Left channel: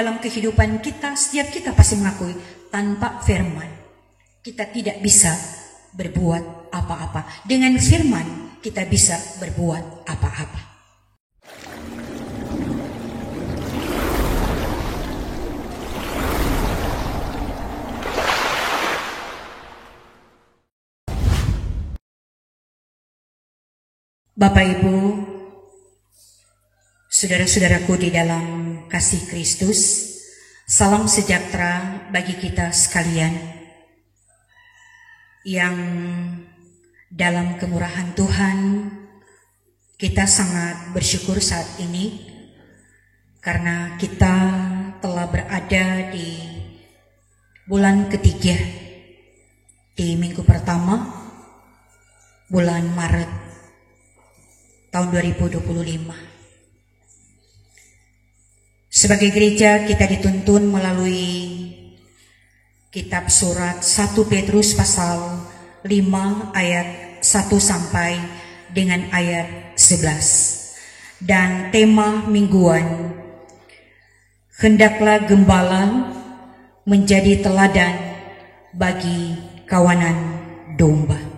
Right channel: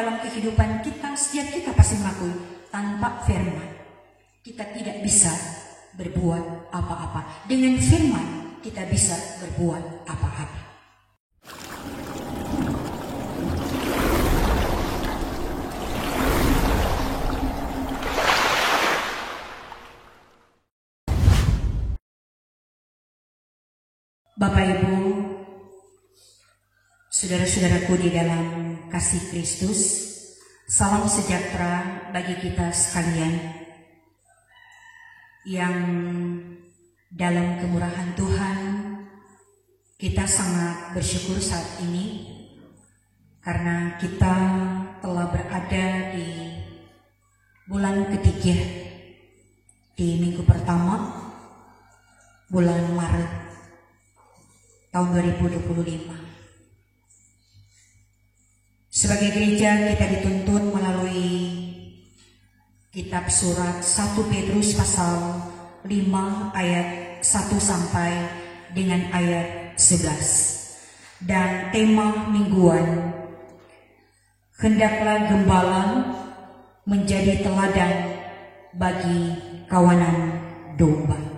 dalam kehidupan kita, setiap kita pasti mengakui tanpa firman kita tidak bisa berbuat apa-apa. Dengan firman kita bisa berbuat apa-apa. Bapak Ibu, saudara-saudaraku di dalam kasih Kristus, salam sejahtera bagi kita sekalian yang dalam kemurahan Tuhan kita sangat bersyukur saat ini karena kita telah berada di bulan ketiga, di minggu pertama bulan Maret tahun 2025. Sebagai gereja kita dituntun melalui kitab surat 1 Petrus pasal 5 ayat 1 sampai dengan ayat 11. Dan tema mingguan, hendaklah gembala menjadi teladan bagi kawanan domba.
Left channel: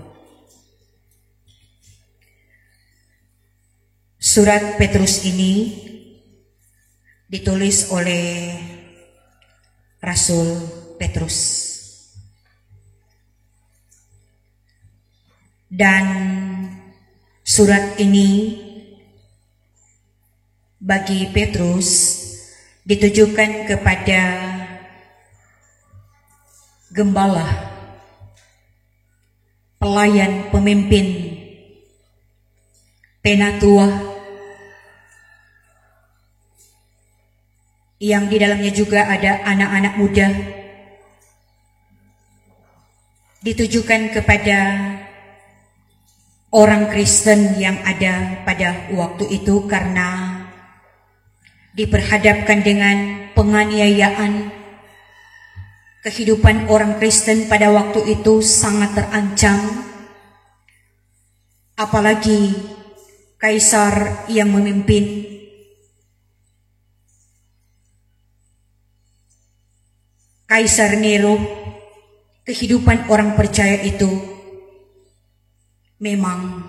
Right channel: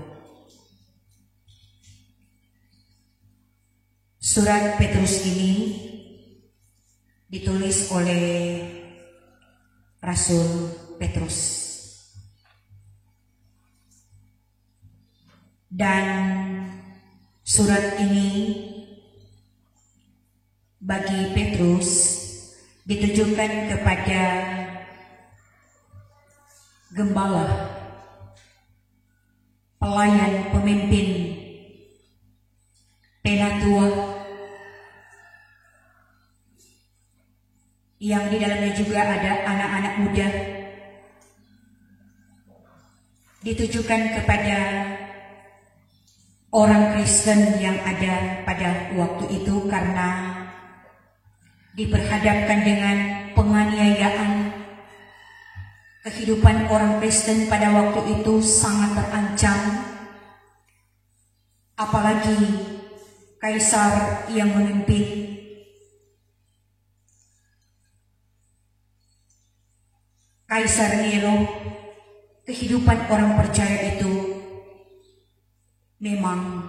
Surat Petrus ini ditulis oleh Rasul Petrus. Dan surat ini bagi Petrus ditujukan kepada gembala, pelayan, pemimpin, penatua, yang di dalamnya juga ada anak-anak muda, ditujukan kepada orang Kristen yang ada pada waktu itu karena diperhadapkan dengan penganiayaan. Kehidupan orang Kristen pada waktu itu sangat terancam, apalagi kaisar yang memimpin. Kaisar Nero, kehidupan orang percaya itu memang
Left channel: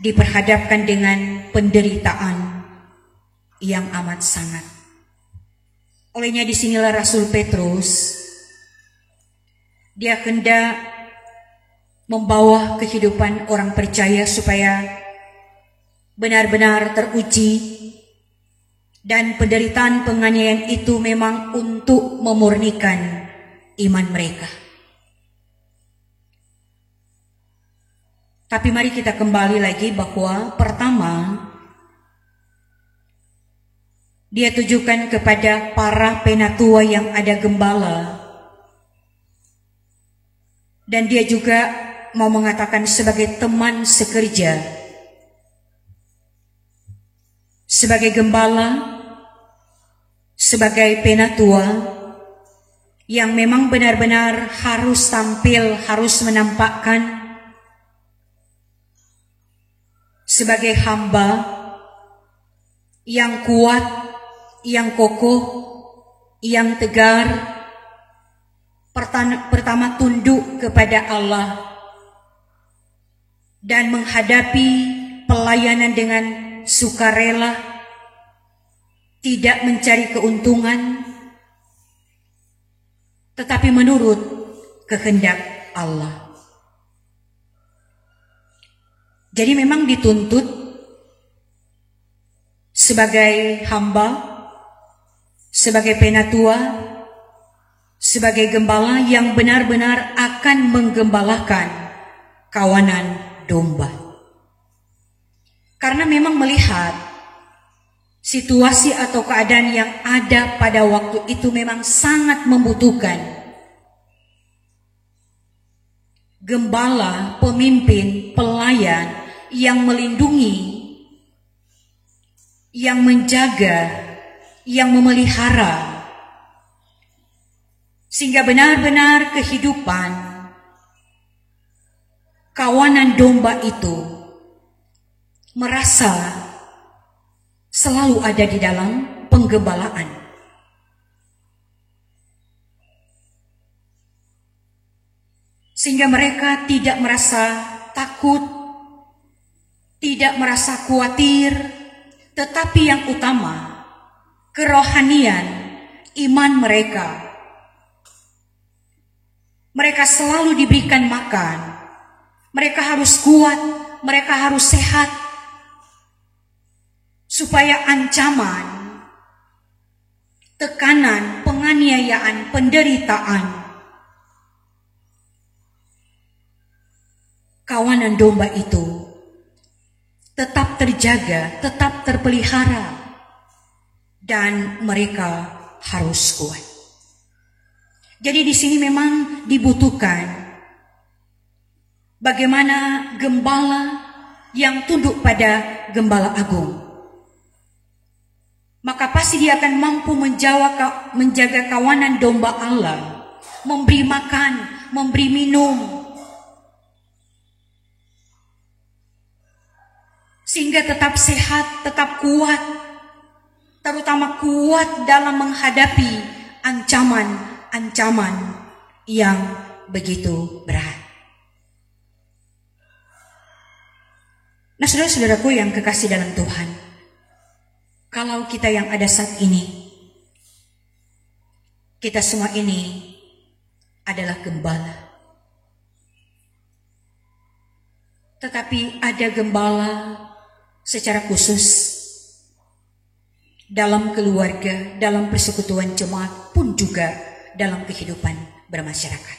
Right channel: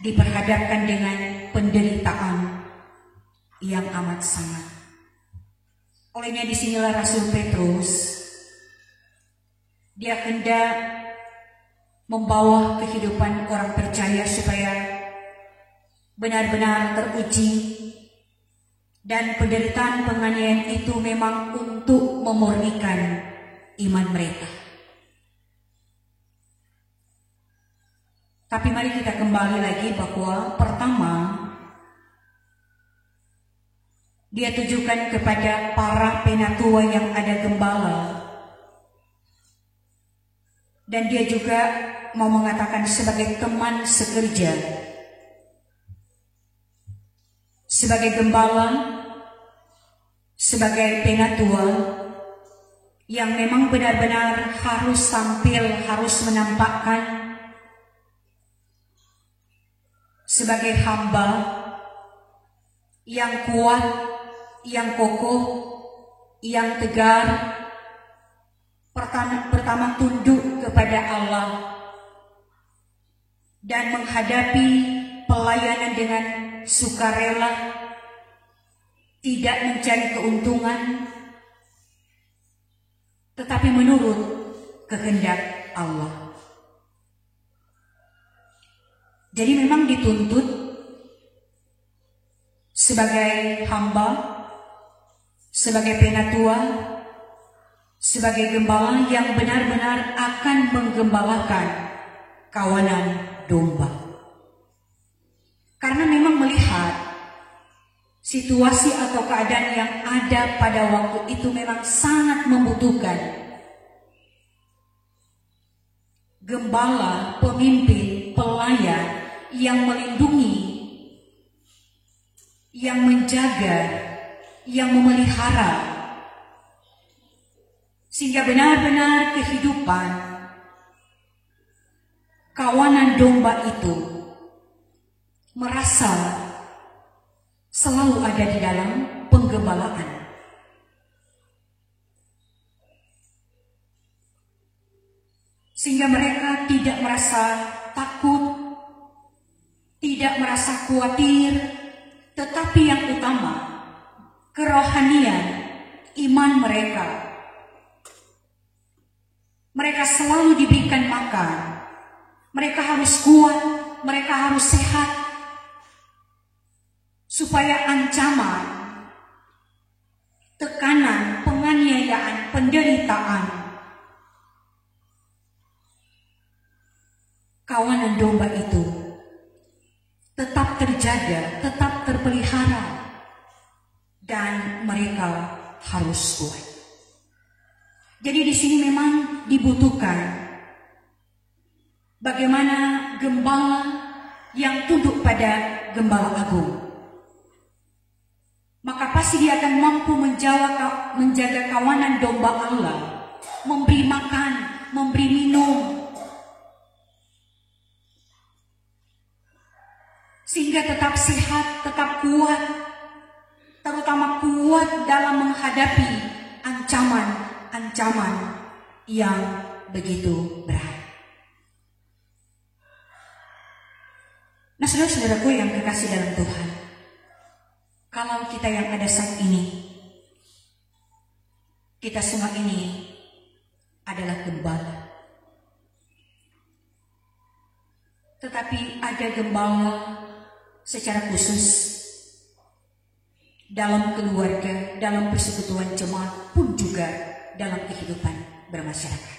diperhadapkan dengan penderitaan yang amat sangat. Olehnya disinilah Rasul Petrus, dia hendak membawa kehidupan orang percaya supaya benar-benar teruji. Dan penderitaan penganiayaan itu memang untuk memurnikan iman mereka. Tapi mari kita kembali lagi bahwa pertama, dia tujukan kepada para penatua yang ada gembala. Dan dia juga mau mengatakan sebagai teman sekerja, sebagai gembala, sebagai penatua yang memang benar-benar harus tampil, harus menampakkan sebagai hamba yang kuat, yang kokoh, yang tegar. Pertama tunduk kepada Allah dan menghadapi pelayanan dengan sukarela, tidak mencari keuntungan, tetapi menurut kehendak Allah. Jadi memang dituntut sebagai hamba, sebagai penatua, sebagai gembala yang benar-benar akan menggembalakan kawanan domba. Karena memang melihat situasi atau keadaan yang ada pada waktu itu memang sangat membutuhkan gembala, pemimpin, pelayan yang melindungi, yang menjaga, yang memelihara, sehingga benar-benar kehidupan kawanan domba itu merasa selalu ada di dalam penggembalaan. sehingga mereka tidak merasa takut, tidak merasa khawatir, tetapi yang utama, kerohanian iman mereka. Mereka selalu diberikan makan, mereka harus kuat, mereka harus sehat, supaya ancaman, tekanan, penganiayaan, penderitaan, kawanan domba itu tetap terjaga, tetap terpelihara, dan mereka harus kuat. Jadi di sini memang dibutuhkan bagaimana gembala yang tunduk pada gembala agung. Maka pasti dia akan mampu menjaga kawanan domba Allah, memberi makan, memberi minum, sehingga tetap sehat, tetap kuat, terutama kuat dalam menghadapi ancaman-ancaman yang begitu berat. Nah, saudara-saudaraku yang kekasih dalam Tuhan, kalau kita yang ada saat ini, kita semua ini adalah gembala. Tetapi ada gembala secara khusus dalam keluarga, dalam persekutuan jemaat, pun juga dalam kehidupan bermasyarakat.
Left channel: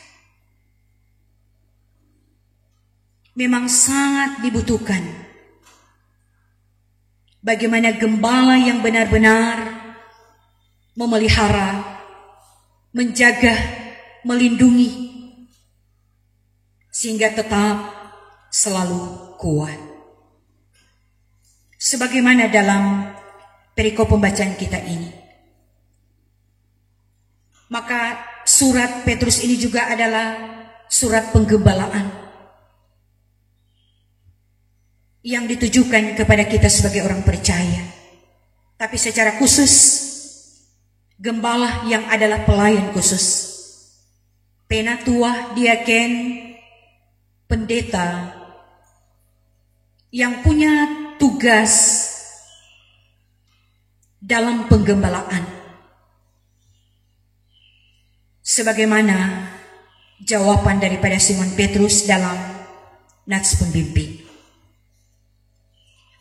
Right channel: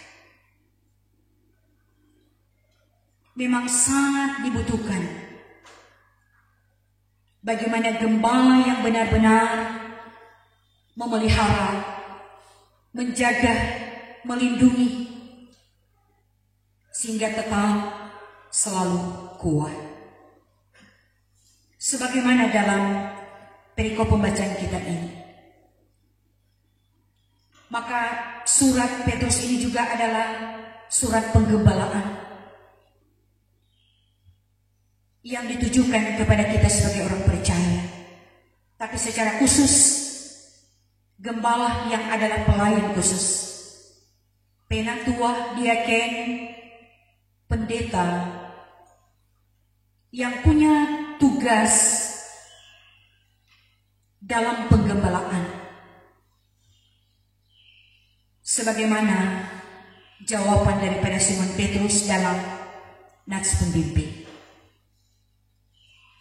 Memang sangat dibutuhkan bagaimana gembala yang benar-benar memelihara, menjaga, melindungi, sehingga tetap selalu kuat. Sebagaimana dalam perikop pembacaan kita ini. Maka surat Petrus ini juga adalah surat penggembalaan yang ditujukan kepada kita sebagai orang percaya. Tapi secara khusus, gembala yang adalah pelayan khusus, penatua, diaken, pendeta, yang punya tugas dalam penggembalaan. Sebagaimana jawaban daripada Simon Petrus dalam nats pembimbing.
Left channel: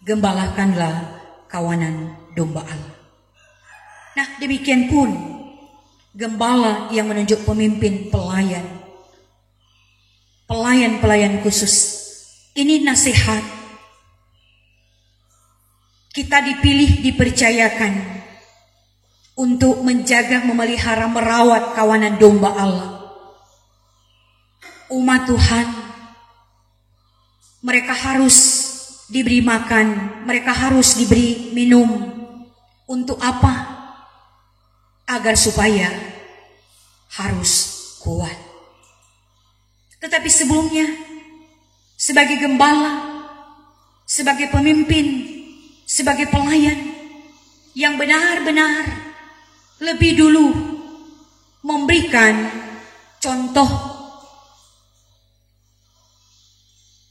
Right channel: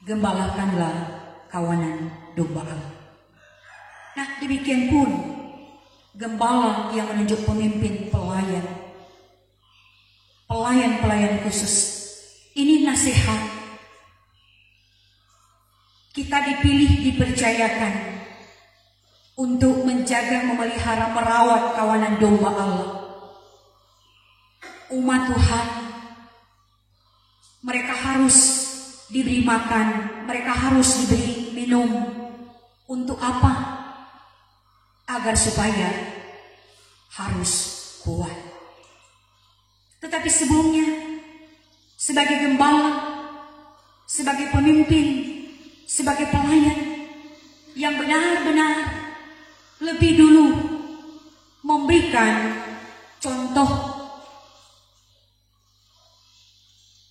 Gembalakanlah kawanan domba Allah. Nah, demikian pun gembala yang menunjuk pemimpin pelayan khusus. Ini nasihat. Kita dipilih, dipercayakan untuk menjaga, memelihara, merawat kawanan domba Allah. Umat Tuhan, mereka harus diberi makan, mereka harus diberi minum. Untuk apa? Agar supaya harus kuat. Tetapi sebelumnya, sebagai gembala, sebagai pemimpin, sebagai pelayan yang benar-benar lebih dulu memberikan contoh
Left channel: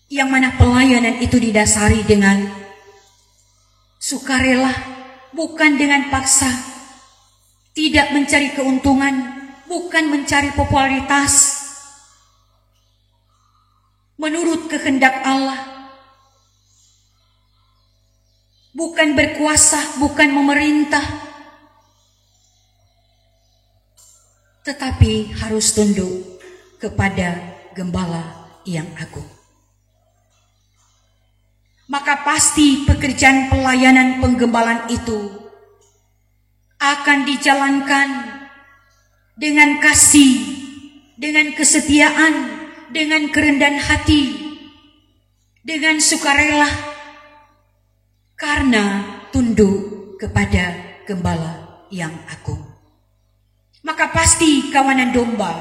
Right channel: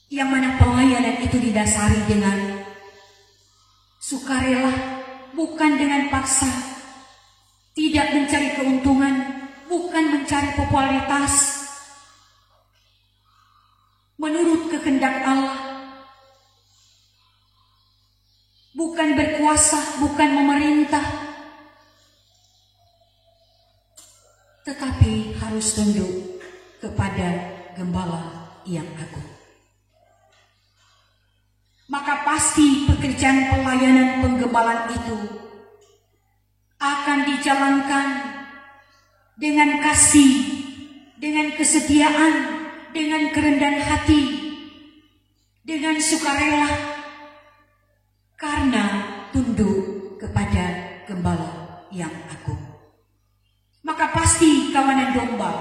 yang mana pelayanan itu didasari dengan sukarela, bukan dengan paksa, tidak mencari keuntungan, bukan mencari popularitas, menurut kehendak Allah, bukan berkuasa, bukan memerintah, tetapi harus tunduk kepada gembala yang agung. Maka pasti pekerjaan pelayanan penggembalaan itu akan dijalankan dengan kasih, dengan kesetiaan, dengan kerendahan hati, dengan sukarela, karena tunduk kepada gembala yang agung. Maka pasti kawanan domba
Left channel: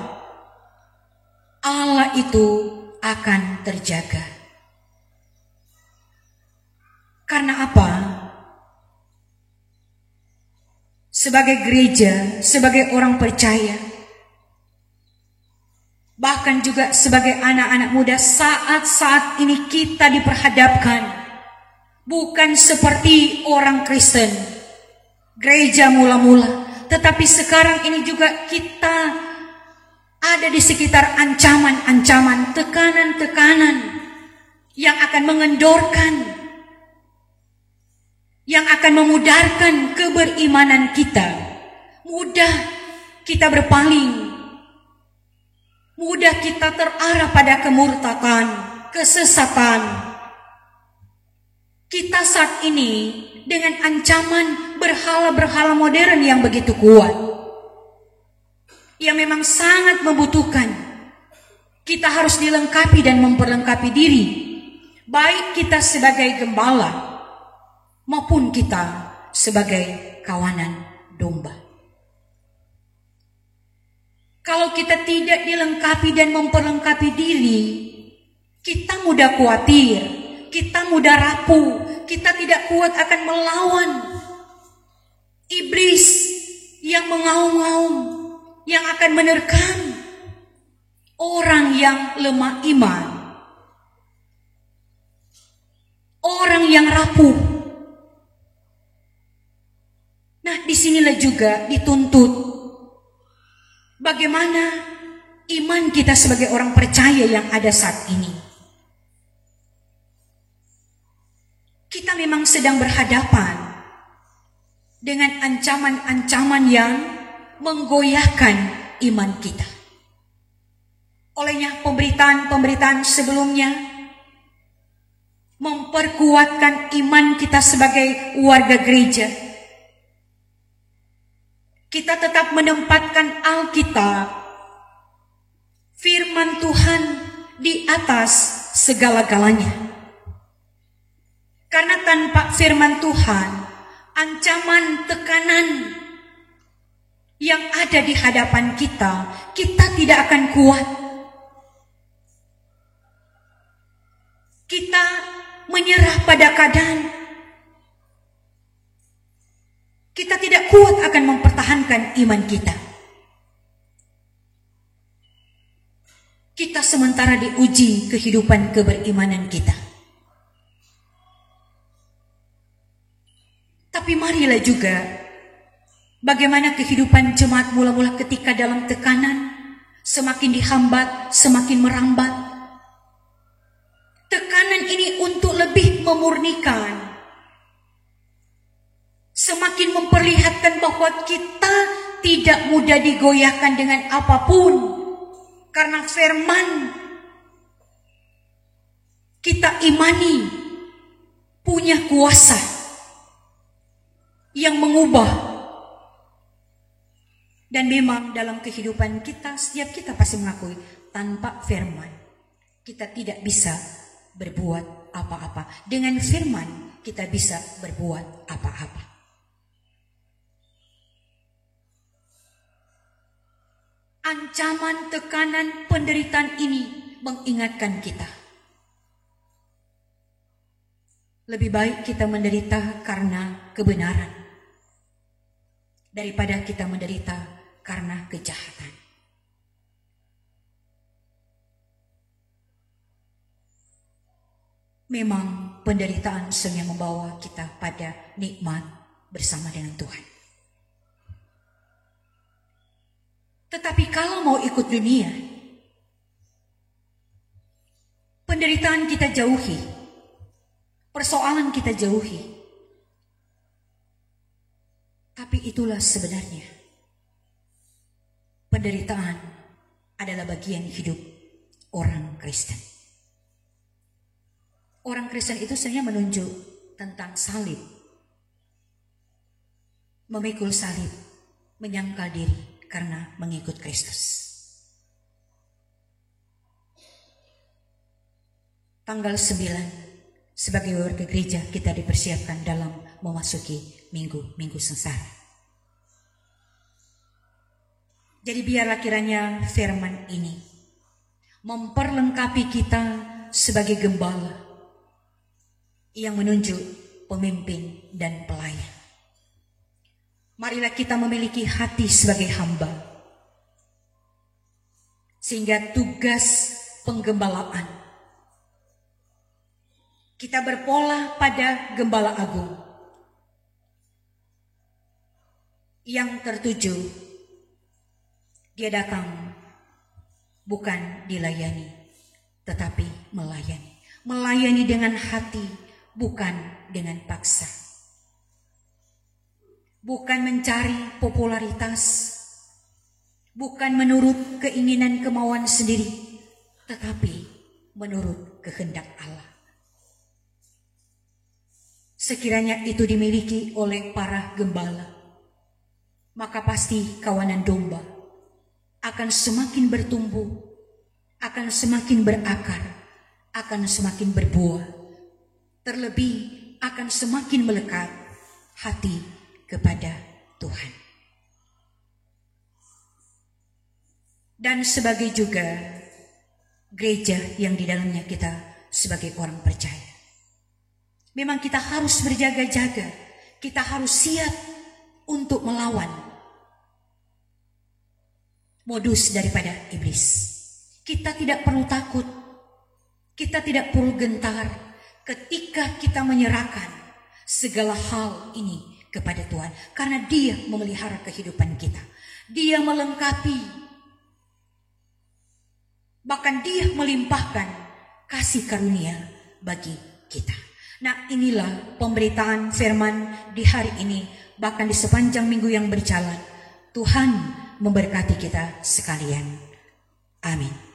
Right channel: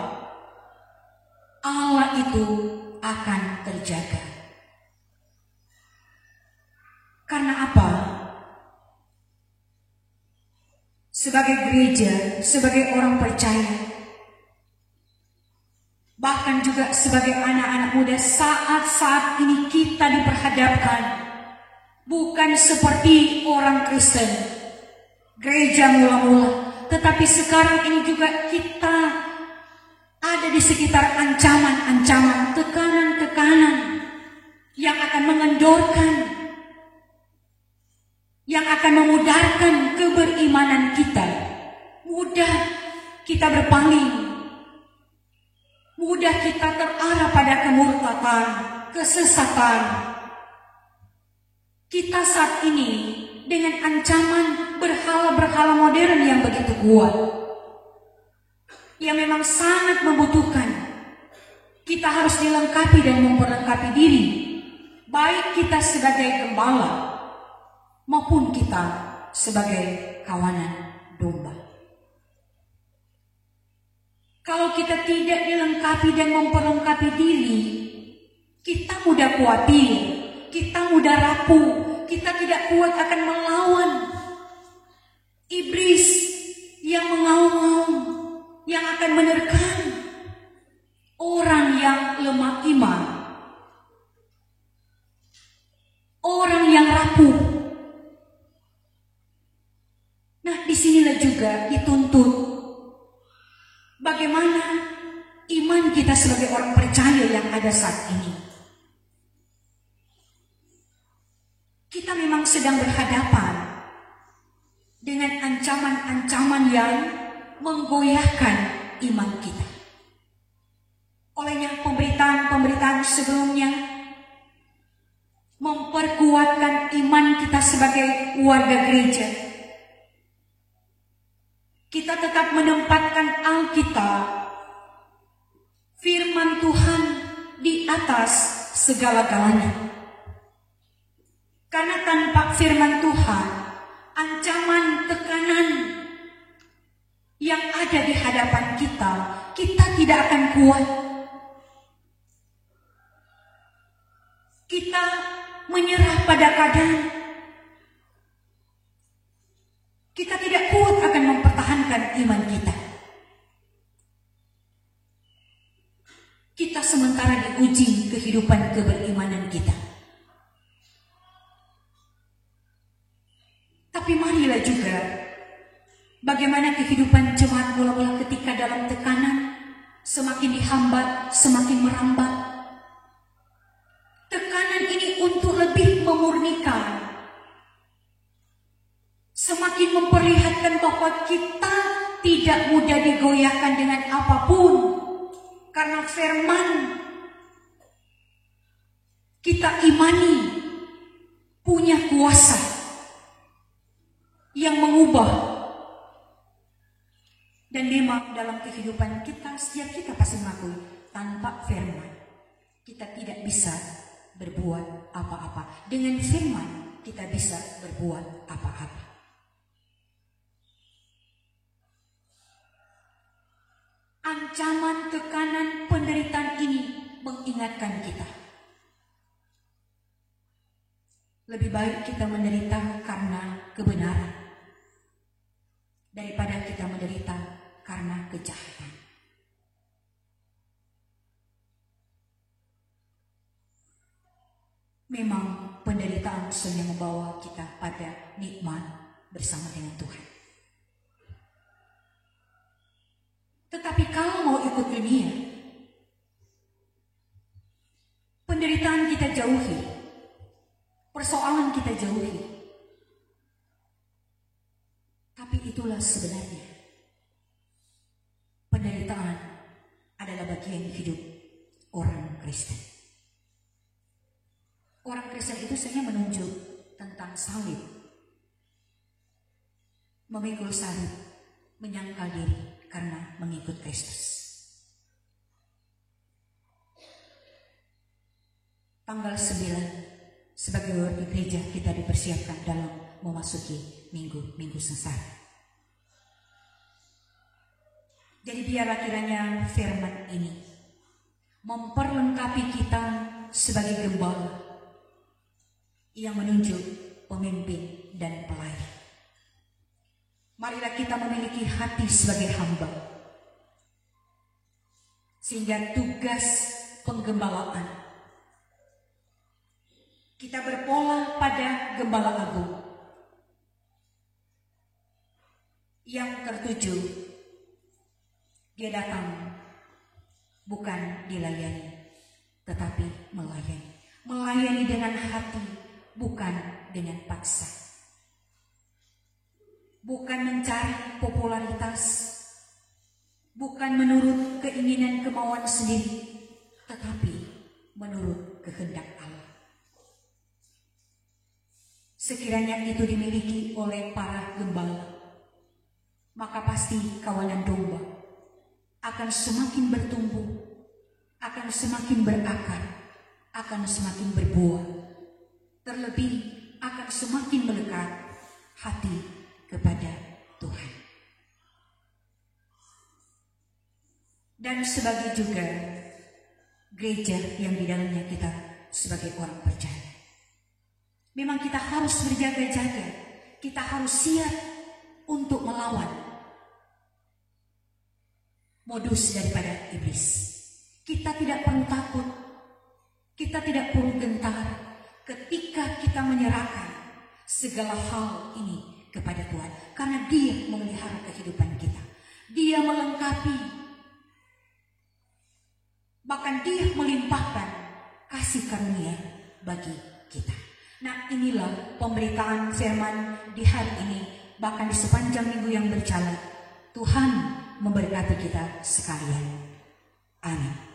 Allah itu akan terjaga. Karena apa? Sebagai gereja, sebagai orang percaya, Bahkan juga sebagai anak-anak muda saat-saat ini kita diperhadapkan bukan seperti orang Kristen, gereja mula-mula, tetapi sekarang ini juga kita ada di sekitar ancaman-ancaman, tekanan-tekanan yang akan mengendorkan, yang akan memudarkan keberimanan kita. Mudah kita berpaling, mudah kita terarah pada kemurtadan, kesesatan. Kita saat ini dengan ancaman berhala-berhala modern yang begitu kuat, yang memang sangat membutuhkan kita harus dilengkapi dan memperlengkapi diri, baik kita sebagai gembala maupun kita sebagai kawanan domba. Kalau kita tidak dilengkapi dan memperlengkapi diri, kita mudah khawatir, kita mudah rapuh, kita tidak kuat akan melawan iblis yang mengaum-ngaum, yang akan menerkam orang yang lemah iman, orang yang rapuh. Nah, disinilah juga dituntut bagaimana iman kita sebagai orang percaya yang ada saat ini. Kita memang sedang berhadapan dengan ancaman-ancaman yang menggoyahkan iman kita. Olehnya pemberitaan-pemberitaan sebelumnya memperkuatkan iman kita sebagai warga gereja. Kita tetap menempatkan Alkitab, firman Tuhan di atas segala-galanya. Karena tanpa firman Tuhan, ancaman, tekanan yang ada di hadapan kita, kita tidak akan kuat. Kita menyerah pada keadaan. Kita tidak kuat akan mempertahankan iman kita. Kita sementara diuji kehidupan keberimanan kita. Tapi marilah juga bagaimana kehidupan jemaat mula-mula ketika dalam tekanan, semakin dihambat, semakin merambat. Tekanan ini untuk lebih memurnikan, semakin memperlihatkan bahwa kita tidak mudah digoyahkan dengan apapun, karena firman kita imani punya kuasa yang mengubah. Dan memang dalam kehidupan kita, setiap kita pasti mengakui tanpa firman kita tidak bisa berbuat apa-apa. Dengan firman kita bisa berbuat apa-apa. Ancaman, tekanan, penderitaan ini mengingatkan kita. Lebih baik kita menderita karena kebenaran daripada kita menderita karena kejahatan. Memang penderitaan sering membawa kita pada nikmat bersama dengan Tuhan. Tetapi kalau mau ikut dunia, penderitaan kita jauhi, persoalan kita jauhi. Tapi itulah sebenarnya penderitaan adalah bagian hidup orang Kristen. Orang Kristen itu sebenarnya menunjuk tentang salib, memikul salib, menyangkal diri karena mengikut Kristus. Tanggal 9 sebagai warga gereja kita dipersiapkan dalam memasuki minggu sengsara. Jadi biarlah kiranya firman ini memperlengkapi kita sebagai gembala yang menunjuk pemimpin dan pelayan. Marilah kita memiliki hati sebagai hamba, Sehingga tugas penggembalaan, kita berpola pada Gembala Agung yang tertuju. Dia datang bukan dilayani, tetapi melayani. Melayani dengan hati, bukan dengan paksa. Bukan mencari popularitas, bukan menurut keinginan kemauan sendiri, tetapi menurut kehendak Allah. Sekiranya itu dimiliki oleh para gembala, maka pasti kawanan domba akan semakin bertumbuh, akan semakin berakar, akan semakin berbuah, terlebih akan semakin melekat hati kepada Tuhan. Dan sebagai juga gereja yang di dalamnya kita sebagai orang percaya, memang kita harus berjaga-jaga, kita harus siap untuk melawan modus daripada iblis. Kita tidak perlu takut, kita tidak perlu gentar ketika kita menyerahkan segala hal ini kepada Tuhan, karena Dia memelihara kehidupan kita, Dia melengkapi, bahkan Dia melimpahkan kasih karunia bagi kita. Nah, inilah pemberitaan firman di hari ini, bahkan di sepanjang minggu yang berjalan. Tuhan memberkati kita sekalian. Amin.